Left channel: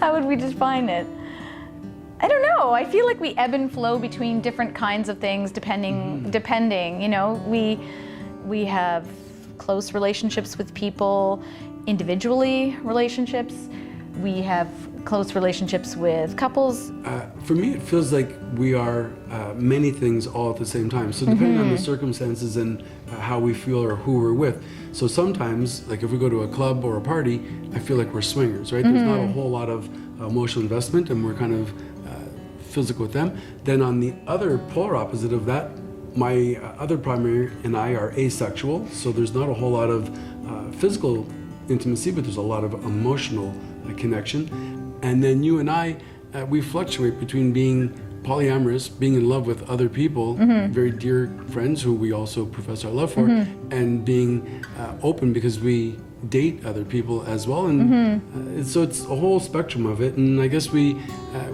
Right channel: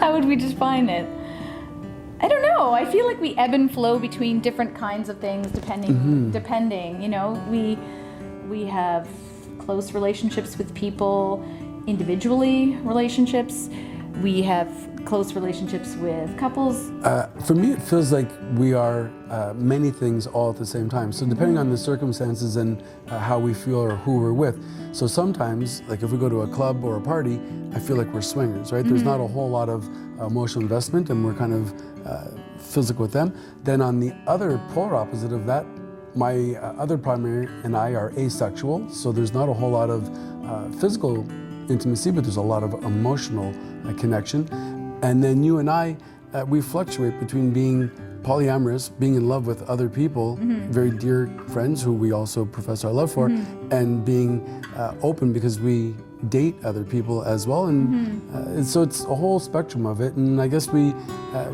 How would we define it? I don't know. I feel like we ebb and flow between different kinds of things depending, you know. We have close relationships with people, individually relationships. We have close relationships with couples. For me, it feels like we are many things all at the same time. So depending on the circumstances and how we feel or who we're with. So sometimes, like if we go to a club or a party, I feel like we're swingers, right? There's not a whole lot of emotional investment and we're kind of physical with them. Then on the other polar opposite of that, my other primary and I are asexual. So there's not a whole lot of physical intimacy, but there's a lot of emotional connection. And then you and I, we fluctuate between being polyamorous, being in love with other people, very dear friends who we also profess our love for, and being open because we date other people as well. And so it's a whole spectrum of it. And I guess we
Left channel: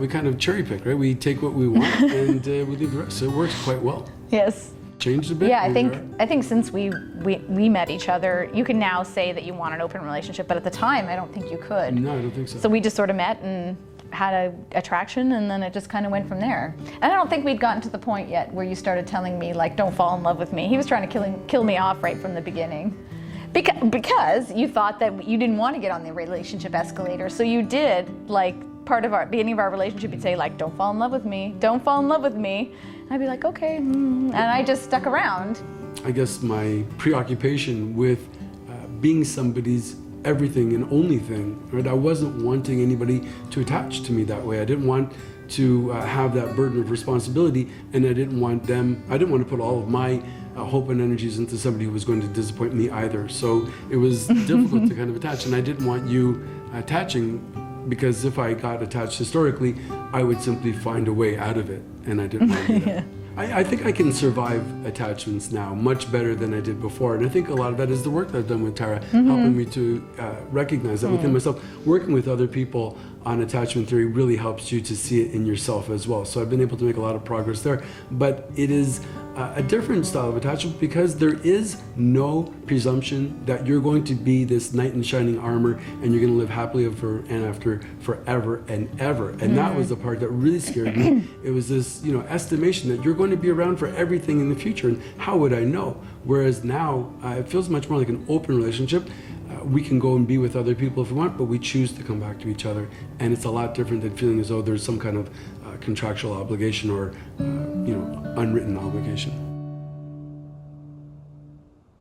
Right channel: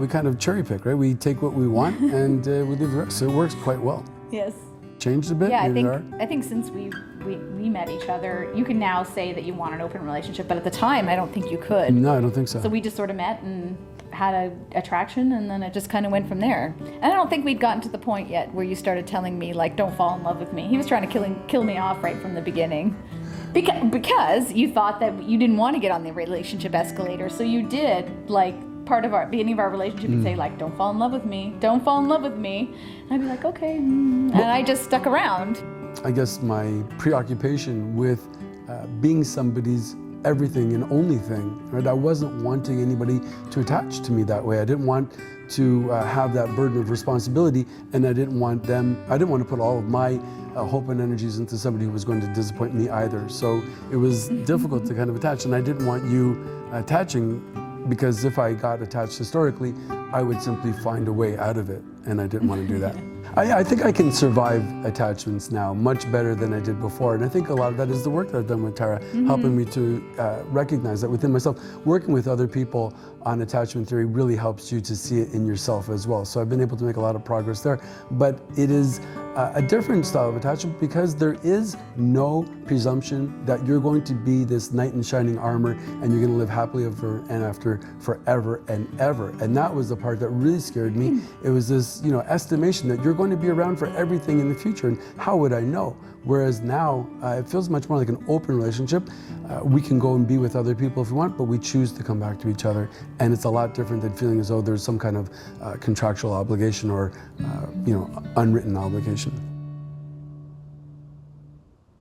kind of cherry pick, right? We take what we want and we leave the rest. So it works quite well. Yes. Changed a bit? Yeah, I think since we met each other, you can now say that you want an open relationship, but at the time, I don't think you could. No, I don't think so. So we just sort of met and had an attraction, and then it just kind of went from there. And I don't think we'd gotten to the point yet where you started telling me, like, don't fall in love with me. He was trying to kill me off right from the beginning. Because you thought that you didn't want to get on the relationship escalator, so you did, like, part of our beginning of our relationship, you'd say, like, don't fall in love with me, don't fall in love with me. And I'd be like, okay. And I just stuck around. I guess my preoccupation with being somebody's everything and only thing, right? I wasn't wanting anybody to attach to me that way. I didn't want to have that burden of responsibility, and I didn't want to put all of my hope and energies into somebody who was going to disappoint me either. So it was difficult to kind of attach, and I didn't want you attaching, because if I got attached historically, I would simply find a way out of it, and I didn't want to do that. I think I can survive attachments now much better than I did before, and I think a lot of that is the work that I've done with Tara, helping me to recognize that within myself. Working with other people on attachment theory really helps you to see it in yourself as well. So I've been able to make a lot of progress there, but it is a different style of attachment because there is no presumption that you're going to be this knight in shining armor and you're going to live happily ever and after forever and ever. And that was the part that really scared me. It was this, estimation that you're going to be around for everything in the future, and how would I know? Whereas now, it feels much more like an open relationship. We can go and be with other people if we want, but we choose to come back to each other. And it's a lot different than feeling as though there's some kind of contractual obligation or, unwritten obligation.